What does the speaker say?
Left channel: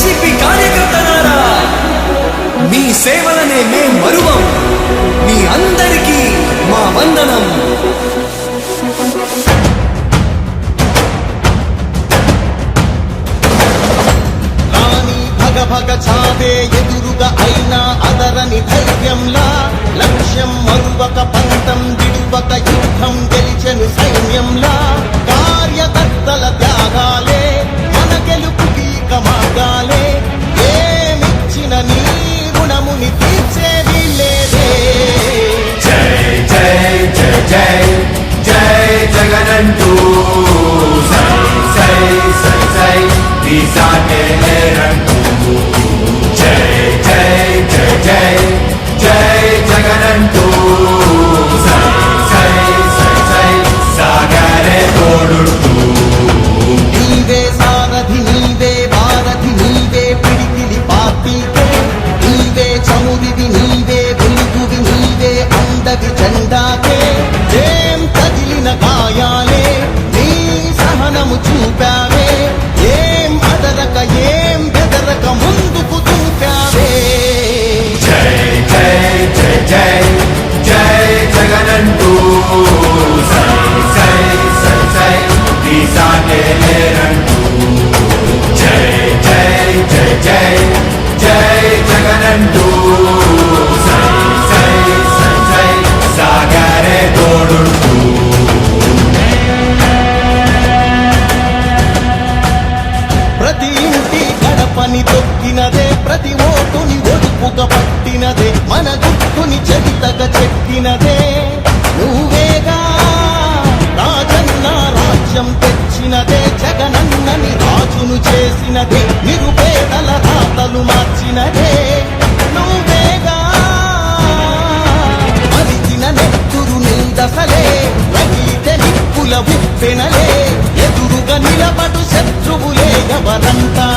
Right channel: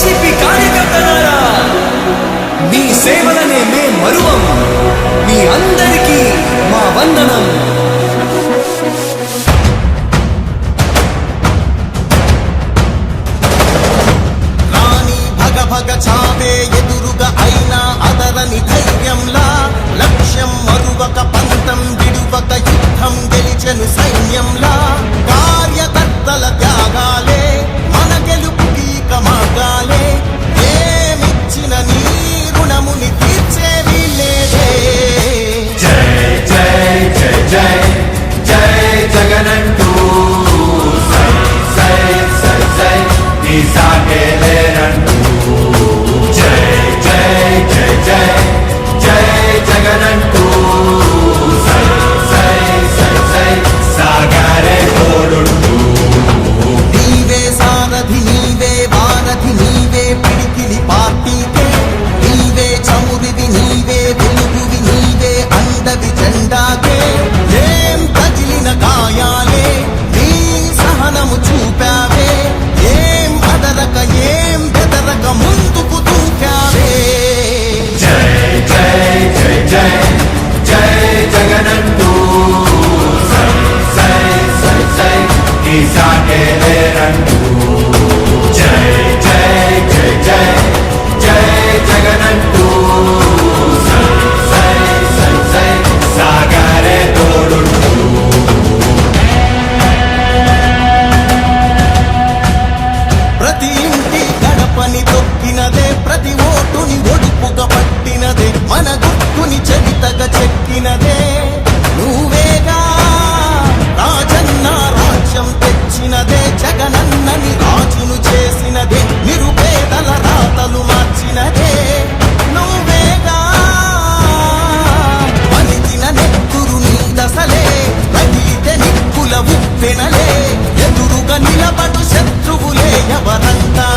YCP కార్యకర్తలారా, మీ సేవలనే మే మరువం. మీ అందరికీ మా వందనం. రాణి భగ భగ చావే ఎదురుగా అయినా అదరని ధైర్యంలా, లక్ష్యం మరువక పంతం విడువక యుద్ధం గెలిచెను సైన్యంలా. కార్యకర్తల త్యాగాలే మన గెలుపుకి మార్గాలే. ఏమిచ్చిన నీ రుణముని తీర్చేది లేదే. జై జై జై జై జై జగనంటూ సై సై సై సై ఈ సాగే లేనంటూ. జై జై జై జై జై జగనంటూ సై సై సై సై సాగరే తోడుంటూ. నీవే సారథి నీవే వారధి నీవే పిడికిలి పార్టీకే. నీవే చమురివి నీవే వెలుగువి నీవే అండవి జెండాకే. ఏం తగిలిన గాయాలే నీ సహనము చూపావే. ఏం అదరక ఏం బెదరక ముందుకు దూకావే. జై జై జై జై జై జగనంటూ సై సై సై సై ఈ సాగే లేనంటూ. జై జై జై జై జై జగనంటూ సై సై సై సై సాగరే తోడుంటూ. ప్రతి ఇంటి గడపని తొక్కినదే, ప్రతి ఓటుని ఒడుపుగా పట్టినదే, మన గుర్తుని చరితగా చెక్కినదే నువ్వేగా. రాజన్న రాజ్యం తెచ్చినదే, జగనన్నని రాజును చేసినదే, నిరుపేదల రాతలు మార్చినదే నువ్వేగా. మరిగిన నెత్తురు నీ దశలే, రగిలితే నిప్పుల ఉప్పెనలే, ఎదురుగా నిలబడు శత్రువులే ఎవరంతా